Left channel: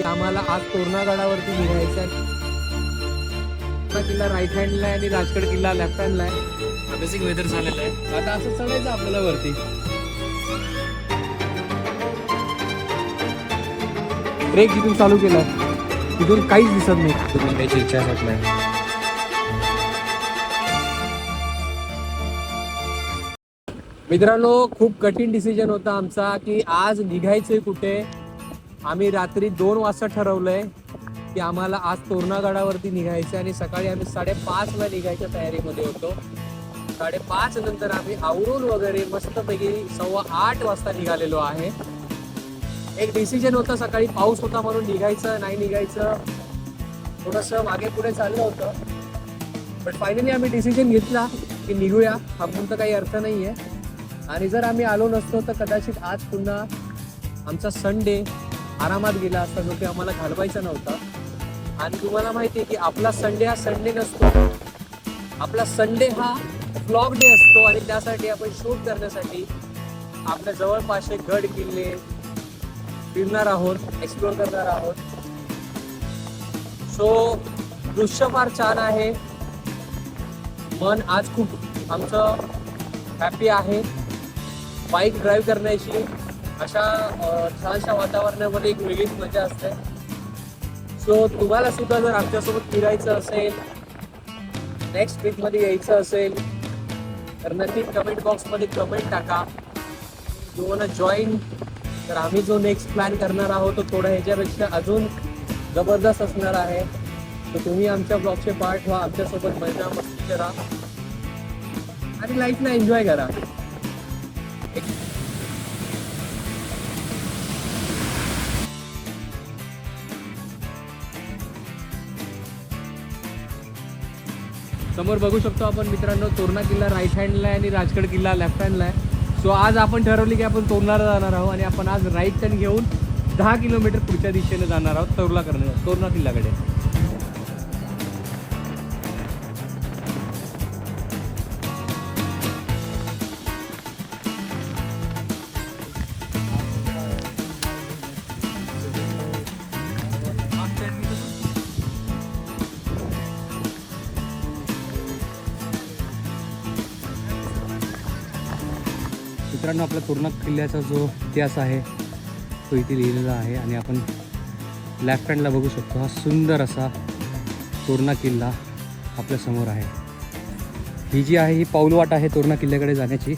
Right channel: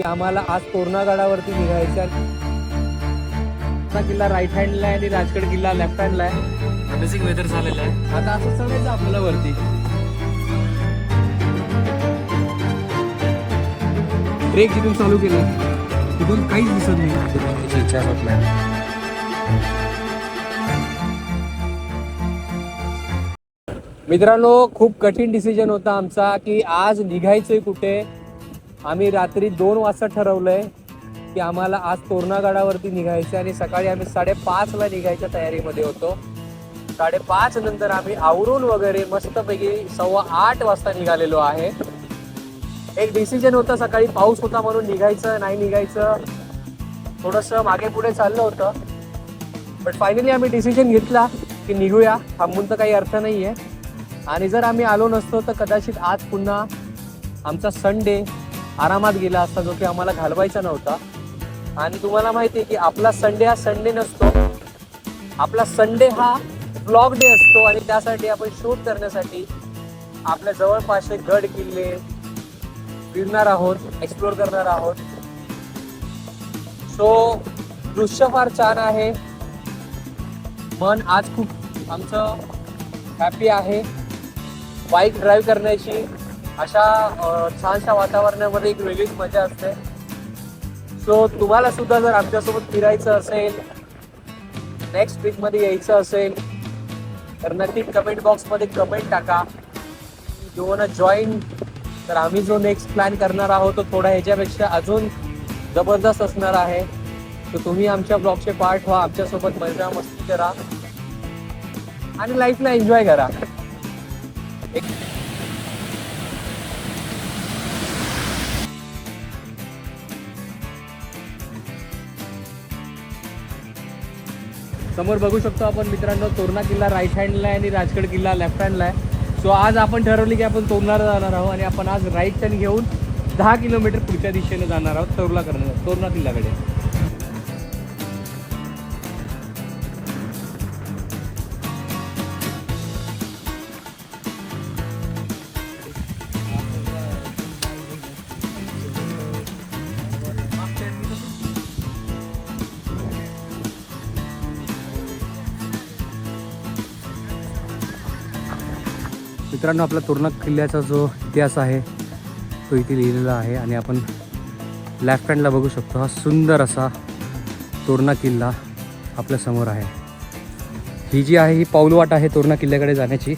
की आम्हाला आज तोरणागडावरती निघायचं आहे. तोरणा किल्ला राईट हँडला आहे आणि राजगड किल्ला लेफ्ट हँडला आहे. अमेझिंग वेदर झालेलं आहे. आता असं चढायचं आपल्याला वरती. ट्रेक जिथून चालू केला तिथून काहीच दिसत नाही. बघायची इच्छा होत नाही. मित्रांनो, खूप कठीण डिसिजन होता आमचा की आज निघायचंय कुठे. आम्ही रात्री 2 वाजता ठरवलंय की आम्हाला आज तोरणागडावरती निघायचं आणि सकाळी आम्ही 5:30ला निघायच्या तयारीमध्ये होतो. 5:30 नंतर आम्ही आवरून वगैरे मस्तपैकी 7:15 वाजता निघालेलो आहे. एक डिसिजन होता, सकाळी पाऊस होता म्हणून निघायचं नाही निघायचं थोडंसं मागे पुढे चाललं होतं. बट फायनली आम्ही डिसिजन घेतला की निघूया, थांबून तर काही अर्थ नाही आहे. आणि जर आम्ही आलो नसतो तर कदाचित आज पुन्हा आमचा संडे आरामात गेला असता, जो की आम्हाला घालवायचा नव्हता. आणि तुम्हाला माहिती आहे की आपला संडे हा संडे नसतो, आपला संडे हा व्लॉग डे असतो. आणि त्यासाठी आपण शूट करण्यासाठी आपल्या जवळपासचे गड किल्ले फिरणार आहोत, एक्सप्लोर करणार आहोत. सो दृश्य फार छान आहे. मन आज खूप आमचं हॅपी आहे. बाईक ड्राईव्ह करण्याची अशा छानशा वातावरणामध्ये एक वेगळीच मजा असते. सो तुम्हाला सुद्धा जर आमच्यासोबत फिरायचं असेल, नेक्स्ट वीकमध्ये यायचं असेल तर नक्की कमेंट बॉक्समध्ये कमेंट टाका. You want to join. तर आम्ही जो नेक्स्ट प्लॅन करणार आहोत तो थोडा ह्याच्यापेक्षा अजून जबरदस्त असणार आहे. तर तुम्ही आमच्या ब्लॉगचे पार्ट व्हा, आमच्यासोबत मजा मस्ती करा आणि लाईफला एन्जॉय करा. समोर बघू शकतो आपण मित्रांनो, तोरणा किल्ला राईट हँडला आहे आणि राजगड किल्ला लेफ्ट हँडला आहे. सो आज आपण ठरवले की आपण तोरणाला जाणार आहोत आणि आपण आज राईट टर्न घेऊन 10 किलोमीटर पुढच्या दिशेने जाणार आहोत तोरणा किल्ल्याकडे. मित्रांनो, आपला तोरणा किल्ल्याचा जो इतिहास आहे तो इथे लिहिलेला आहे आणि आपण लेफ्ट हँडला बघू शकतो. हा सुंदर असा तोरणा किल्ला आपल्या समोर आहे. ही जी आहे ही पाऊलवाट आहे तोरणा किल्ल्याकडे जाण्याची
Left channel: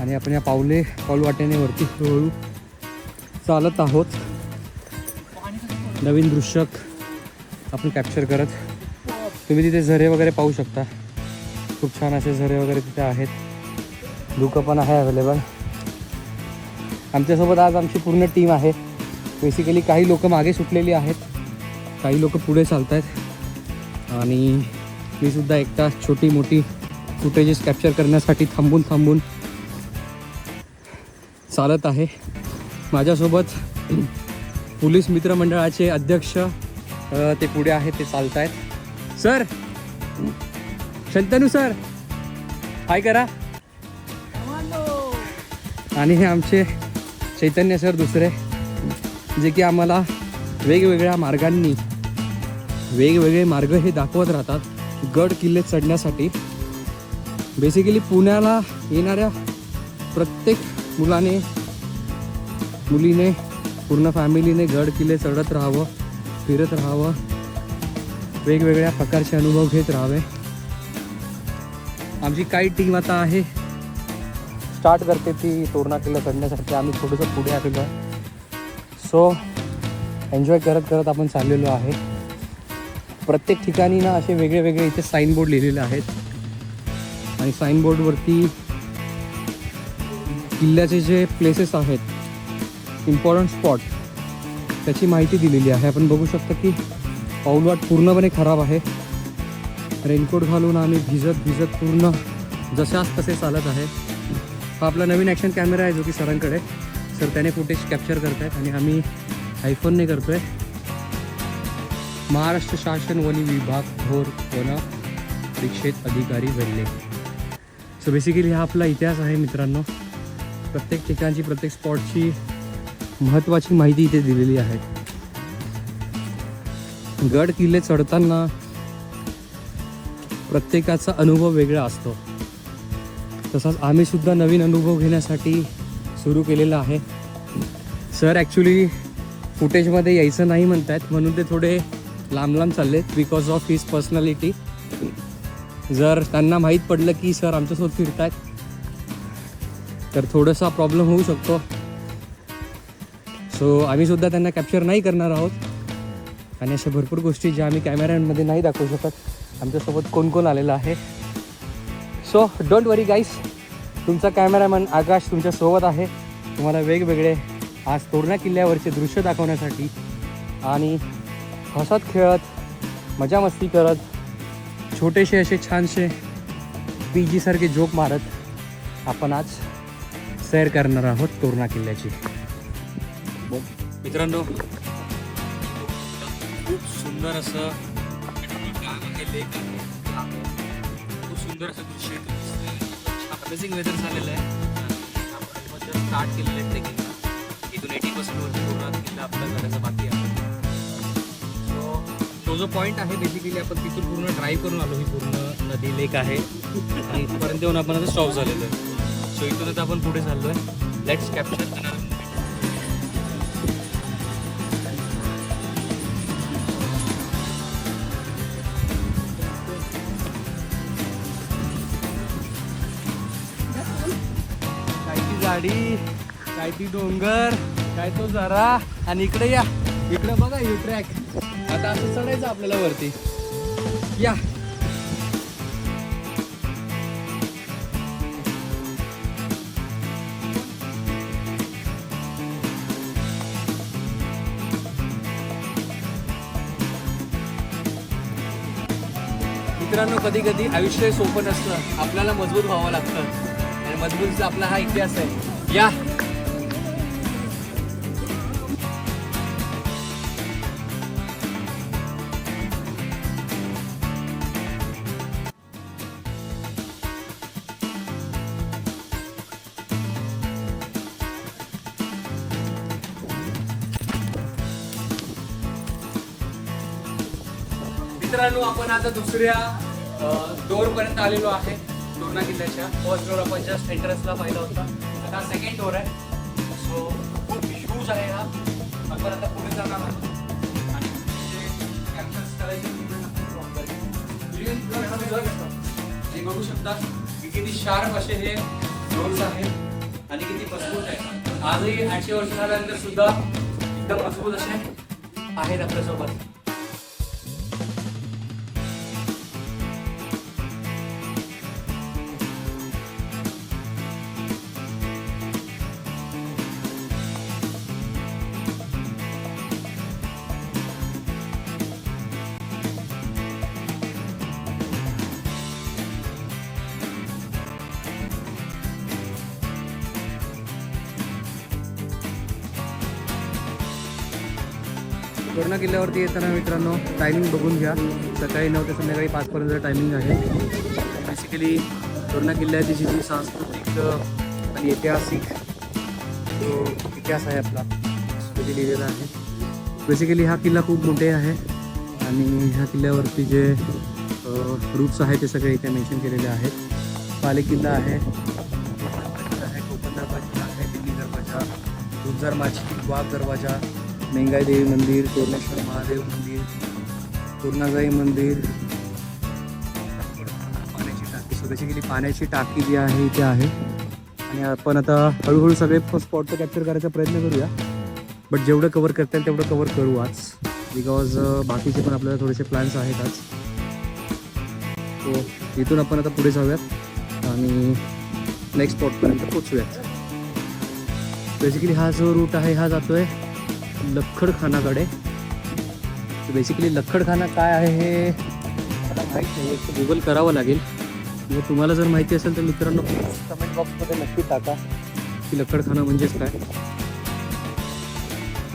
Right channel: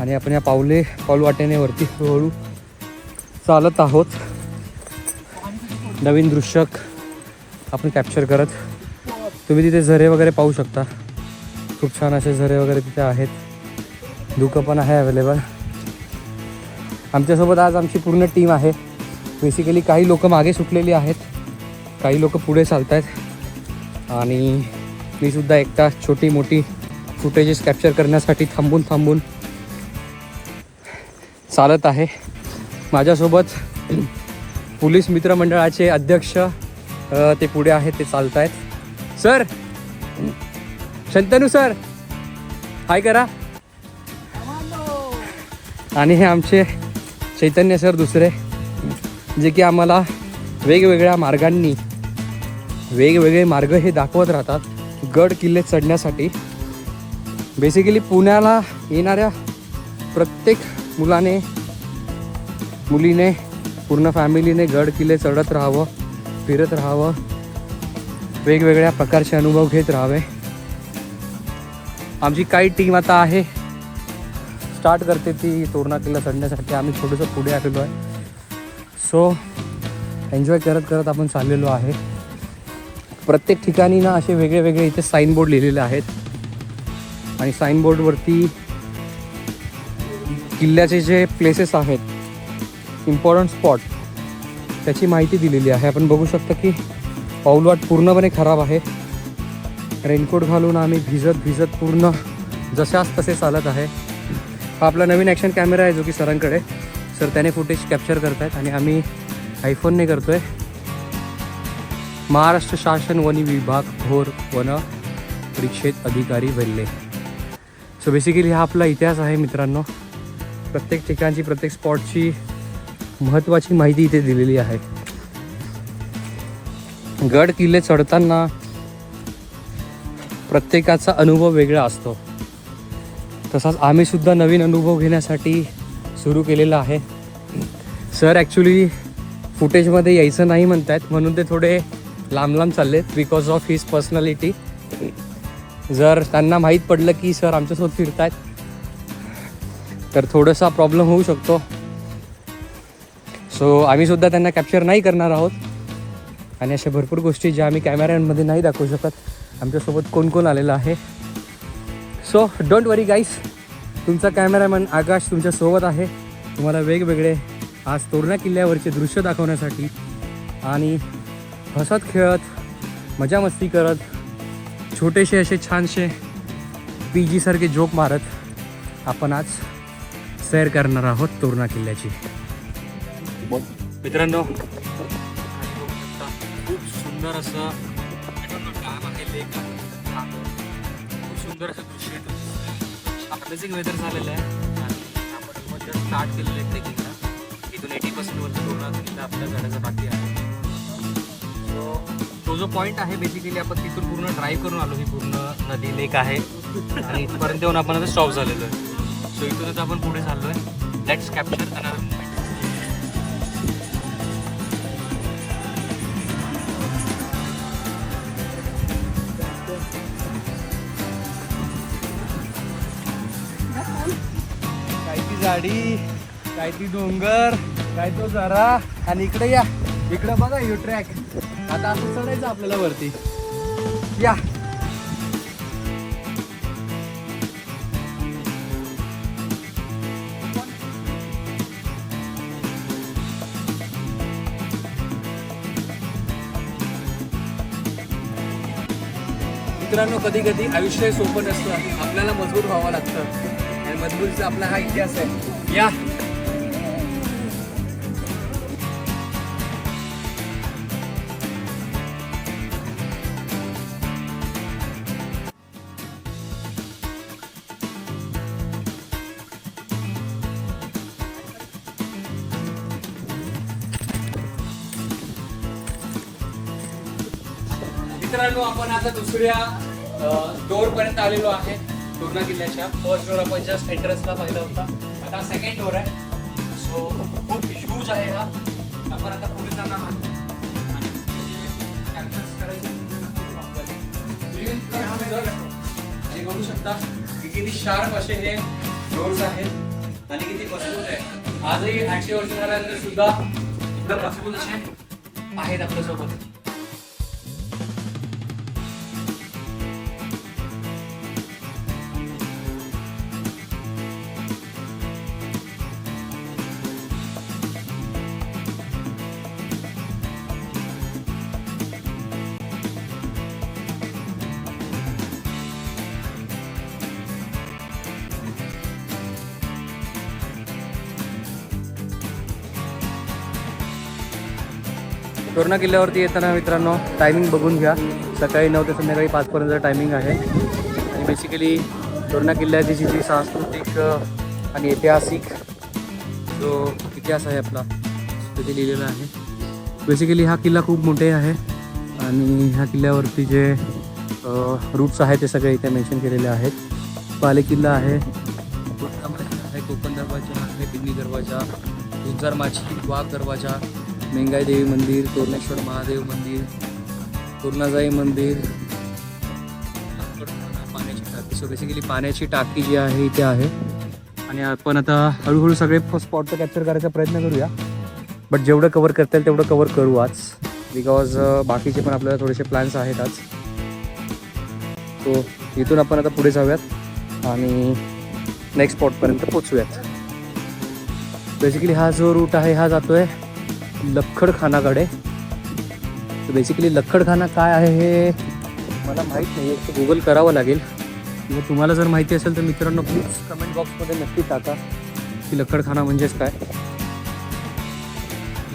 आणि आपण या पाऊलवाटेने वरती हळूहळू चालत आहोत. नवीन दृश्य आपण कॅप्चर करत. तुम्ही तिथे झरे वगैरे पाहू शकता. खूप छान असे झरे वगैरे तिथे आहेत. धुकं पण आहे अवेलेबल. आमच्यासोबत आज आमची पूर्ण टीम आहे. बेसिकली काही लोक मागे सुटलेली आहेत, काही लोक पुढे चालत आहेत आणि मी सुद्धा एकटा छोटी मोठी फुटेजेस कॅप्चर करण्यासाठी थांबून चालत आहे. माझ्यासोबत पोलीस मित्रमंडळाचे अध्यक्ष ते पुढे आहेत, ते चालत आहेत. सर, शंतनू सर, हाय करा. आणि हे आमचे चैतन्य सर दुसरे, जे की आम्हाला वेगवेगळ्या मार्गांनी वेगवेगळे मार्ग हे दाखवत राहतात गड किल्ले चढण्यासाठी. बेसिकली पुण्याला येणाऱ्या प्रत्येक मुलीने पूर्ण फॅमिलीने गड किल्ले चढत राहावं, फिरत राहावं, वेगवेगळ्या प्रकारचे अनुभव घेत राहावे. आमची काही टीम आता आहे, स्टार्ट करते ती तोरणा किल्ला चढण्यासाठी. आम्ही थोडंसं पुढे आलेलो आहे. सो एन्जॉय करत आपण चाललेलो आहे. प्रत्येक ठिकाणी ना असे वेगळे वेगळे इथे साईनबोर्ड लिहिलेले आहेत आणि साईनबोर्डवरती किल्ल्याचे जे प्लेसेस आहेत, इम्पॉर्टंट स्पॉट, त्याची माहिती दिलेली आहे. आपण बघू शकता की पाऊलवाट पूर्णपणे खराब आहे. रेनकोट घालून आम्ही भिजत पूर्ण जशाच तसे चालत आहे. हा आपला नवीन ॲक्शन कॅमेरा आहे जो की सरांकडे. सर त्याने फुटेज कॅप्चर करत आहेत आणि आम्ही आयफोनने करतो आहे. महाराष्ट्र शासन वन विभाग भोर वन परिक्षेत अधिकारी वेल्हे. सो बेसिकली हा आपला इतिहास आहे मित्रांनो. प्रत्येक ठिकाणची प्रत्येक स्पॉटची महत्त्वाची माहिती इथे दिलेली आहे. गड किल्ले चढताना प्रत्येकाचा अनुभव वेगळा असतो. तसाच आम्ही सुद्धा नवीन अनुभव घेण्यासाठी सुरू केलेला आहे. सर ॲक्च्युली फुटेजमध्ये यायचं नाही म्हणतात, म्हणून ते थोडे लांब लांब चाललेत बिकॉज ऑफ हिज पर्सनॅलिटी. जर त्यांना माहीत पडलं की सर आमच्यासोबत फिरत आहेत तर थोडासा प्रॉब्लेम होऊ शकतो. सो आम्ही सुद्धा त्यांना कॅप्चर नाही करणार आहोत. आणि अशा भरपूर गोष्टी ज्या आम्ही कॅमेऱ्यांमध्ये नाही दाखवू शकत. आमच्यासोबत कोण कोण आलेलं आहे. सो डोंट वरी गाईस, तुमचा कॅमेरामॅन आकाश तुमच्यासोबत आहे. तुम्हाला वेगवेगळे आज तोरणा किल्ल्यावरचे दृश्य दाखवण्यासाठी आणि हसत खेळत मजा मस्ती करत छोटेसे असे छानसे PG सारखे जोक मारत आपण आज सैर करणार आहोत तोरणा किल्ल्याची. मित्रांनो, खूप सुंदर असं डॅम आहे, लेक आहे, खूप सुंदर असं दृश्य येतं. अमेझिंग वेदर झालेलं आहे आणि आपण जस्ट स्टार्ट केलेलं आहे ट्रेकिंगला. इथून 80% वरती तोरणा किल्ला आपल्या गडाचा बाकी आहे. सो तो जो पॉईंट आहे बेसिकली आपण तिथून पूर्ण ड्राईव्ह करून आलो. ही पूर्ण नदी लेक आहे आणि इथपर्यंत येऊन आपण आता स्टॉप झालेलो आहे. सो इथून आता आपण पुढे चाललो आहे. Let's capture another moment. काय ती झाडी, काय ती डोंगर, काय तो झरा आणि इकडे या, इकडे बघा यो ट्रॅक. आता असं चढायचं आपल्याला वरती. या मित्रांनो, कधी कधी आयुष्य सोपं नसतं, आपल्याला मजबूत व्हावं लागतं आणि मजबूतीचा आपला हा इतिहास आहे. या मित्रांनो, आपण आता दुसऱ्या डोर पर्यंत आलेलो आहे तोरणा किल्ल्याच्या. फर्स्ट डोर आपण जस्ट एंट्रन्सला पाहिला होता, आता सेकंड डोर आहे. सो खूप ह्यूज आहे हा. आपण आता पुढे जाणार आहोत. हे बघू शकता की किती शार्प असे हे डोर्स आहेत आणि किती मजबूत आहे. आजही 800 वर्ष झाल्यानंतर सुद्धा एकदम मजबूत असे आहेत आपल्यासोबत. तोरणा किल्ल्यावरती येताना मित्रांनो टायमिंग बघून घ्या. सकाळी 9 ते संध्याकाळी 5 पर्यंत टायमिंग आहे. आणि बेसिकली तोरणा किल्ल्याची जी सांस्कृतिक आणि ऐतिहासिक जो इतिहास आहे आपला तिथे लिहिलेला आहे. बेसिकली हा किल्ला खूप मोठे आहे आणि ह्या किल्ल्यावरती जे रूट्स आहेत ते सगळे इथे मेन्शन केलेले आहेत. पाले किल्ला आहे, कोकण दरवाजा आहे, पिंडी दरवाजा, गुंजार माची, वाघ दरवाजा, मेंगाई देवी मंदिर, तोरणेश्वर महादेव मंदिर, तोरणाजाई मंदिर, पाण्याची टाकी. सो बेसिकली पाण्याची टाकी जी आहे इथे आहे. आणि आपण आता हळूहळू सगळे स्पॉट कॅप्चर करायचा प्रयत्न करूया. बट जेवढं कवर करता येईल तेवढं कवर करू आज, बिकॉज बाकीचे पण आपल्याला थोडेसे प्लॅन्स आहेत आज. सो इथून आपण आता पुढे जाऊयात आणि नेक्स्ट स्पॉटपर्यंत पोचूयात. बेसिकली हा जो रूट आहे हा जातोय लक्कडखानाकडे. तर बेसिकली लक्कडखाना काय आहे हे मला माहीत नाही, गुगल करावं लागेल. मग तुम्हाला जर माहिती असेल तर मित्रांनो प्लीज कमेंट बॉक्समध्ये नक्की टाका की लक्कडखाना म्हणजेच काय.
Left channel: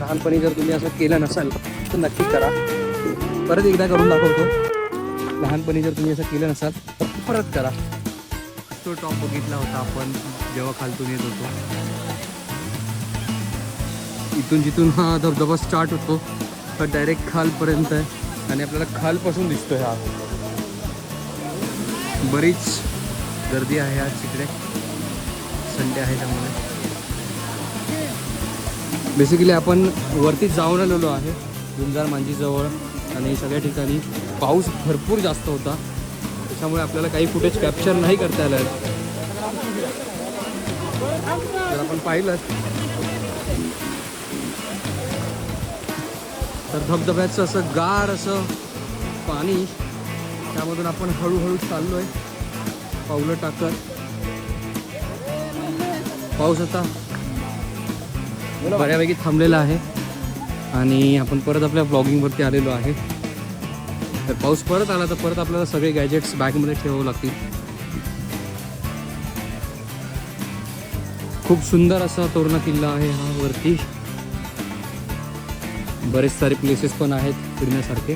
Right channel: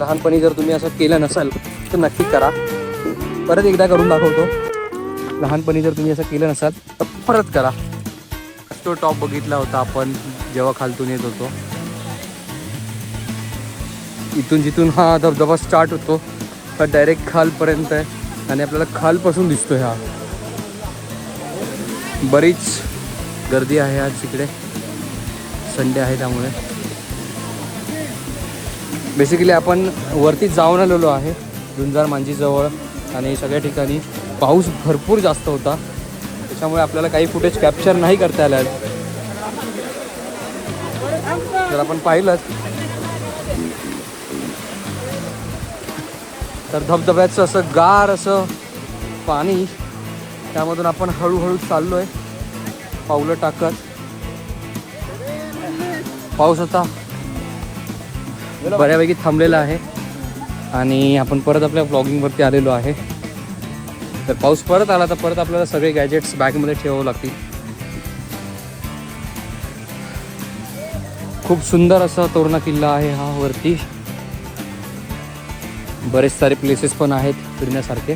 लहानपणी जर तुम्ही असं केलं नसाल तर नक्की करा. परत एकदा करून दाखवतो. लहानपणी जर तुम्ही असं केलं नसाल तर परत करा. तो टॉप बघितला होता आपण जेव्हा खालतून येत होतो. इथून जिथून हा धबधबा स्टार्ट होतो तर डायरेक्ट खालपर्यंत आहे आणि आपल्याला खालपासून दिसतोय हा. बरीच गर्दी आहे आज तिकडे, संडे आहे त्यामुळे. बेसिकली आपण वरती जाऊन आलेलो आहे झुंजार मांजीजवळ, आणि सगळ्या ठिकाणी पाऊस भरपूर जास्त होता, त्याच्यामुळे आपल्याला काही फुटेज कॅप्चर नाही करता आलं. जर आपण पाहिलं तर धबधब्याचं असं गार असं पाणी, त्यामधून आपण हळूहळू चाललोय पावलं टाकत. पाऊस आता बऱ्यापैकी थांबलेला आहे आणि आपण परत आपल्या ब्लॉगिंगवरती आलेलो आहे. तर पाऊस परत आला तर परत आपल्याला सगळे गॅजेट्स बॅगमध्ये ठेवावं लागतील. खूप सुंदर असा तोरणा किल्ला आहे हा. वरती बरेच सारे प्लेसेस पण आहेत फिरण्यासारखे.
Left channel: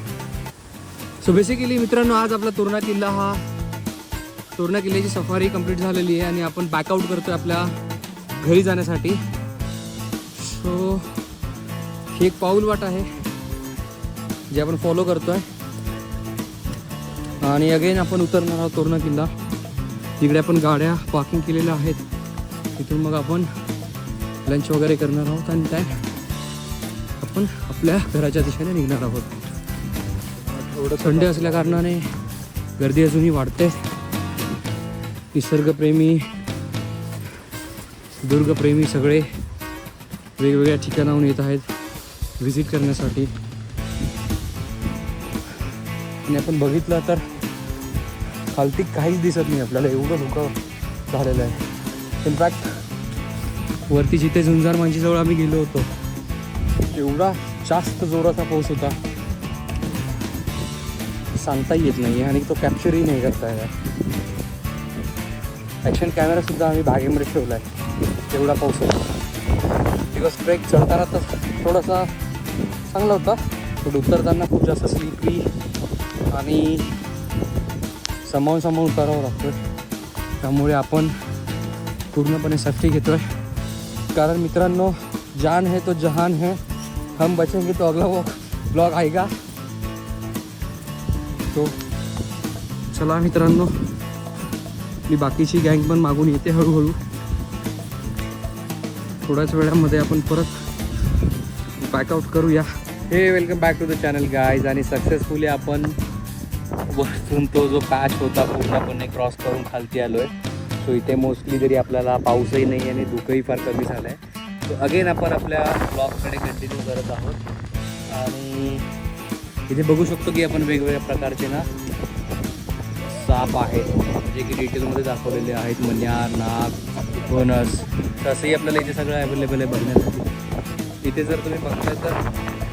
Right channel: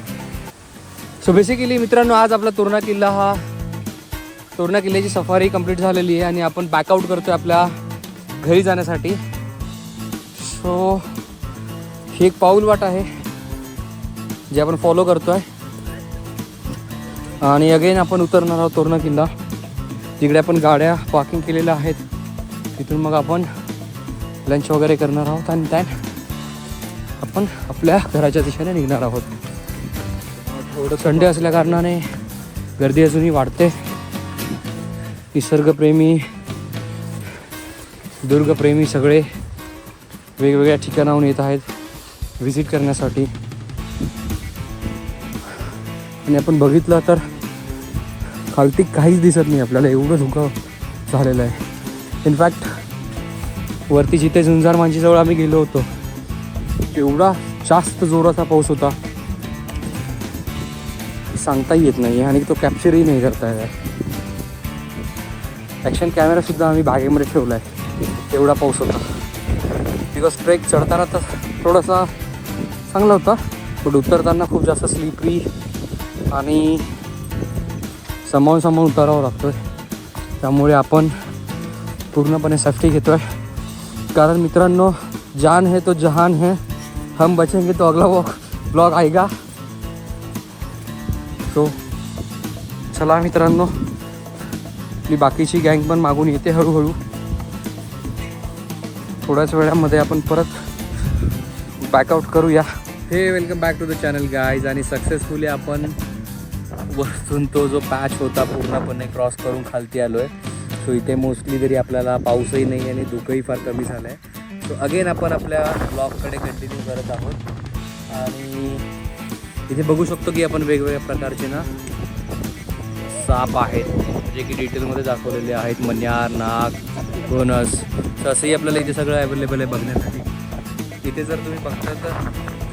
सो बेसिकली मित्रांनो, आज आपला तोरणा किल्ल्याची सफारी कंप्लीट झालेली आहे आणि आपण बॅकआउट करतोय आपल्या घरी जाण्यासाठी. सो ही एक पाऊल वाट आहे जे आपण फॉलो करतोय, आणि अगेन आपण उतरणार आहोत तोरणा किल्ला. तिकडे आपण गाड्या पार्किंग केलेल्या आहेत, तिथून मग आपण लंच वगैरे करणार आहोत आणि त्यात आपण आपल्या घराच्या दिशेने निघणार आहोत. थोडं संडे असल्या कारणाने गर्दी अजूनही वाढते. निसर्गप्रेमी, दुर्गप्रेमी सगळे वेगवेगळ्या ठिकाणाहून येत आहेत व्हिजिट करण्यासाठी. आणि आपण बघितलं तर खालती काहीच दिसत नाही आपल्याला, एवढं धुकं झालेलं आहे. इनफॅक्ट वरती जिथे झुंजार मांजीजवळ आम्ही गेलो होतो एवढा जास्त जोराचा पाऊस होता, सांगताही येत नाही आणि तो कॅप्चरही नाही करता येणार. ॲक्शन कॅमेरासुद्धा आम्ही बागेमध्ये ठेवला आहे, एवढा पाऊस होता. बिकॉज ट्रेक चढताना तर थोडासा चांगला होता, पण उतरताना खूप जास्त स्लिपरी आणि सांभाळून उतारावं लागतोय. त्यामुळे आपण पूर्णपणे सेफ्टी घेतोय, कारण मित्रांनो, जान है तो जहान है, हम बचेंगे तो अगला ब्लॉग आएगा. सो चला मित्रांनो, आपली बाकीची गँग पण मागून येते हळूहळू. थोड्याच वेळामध्ये आपण परत बॅकआउट करूया. हे welcome back to the channel guys. आणि सक्सेसफुली आपण वरतून तो जो पॅच होता पूर्णपणे क्रॉस करून खालती आलो आहे. सो इथे मोस्टली तरी आपल्याला पाऊसही नाही आहे आणि धुकंही फार कमी झालं आहे. सो अगेन आपण आपल्या ब्लॉगकडे कंटिन्यू करत आहोत. आणि इथे बघू शकतो की आपण वेगवेगळ्या प्रकारचे ना साप आहेत, जे की डिटेलमध्ये दाखवलेले आहेत. मण्यार, नाग, घोणस, तर असंही आपल्याला इथे सगळं अवेलेबल आहे बघण्यासाठी. इथे जर तुम्ही बघता तर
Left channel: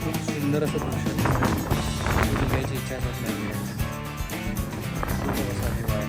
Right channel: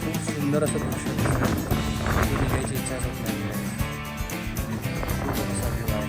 खूप सुंदर असं दृश्य दिसतं, निघायची इच्छा होत नाही. खूप असा व्ह्यू आहे.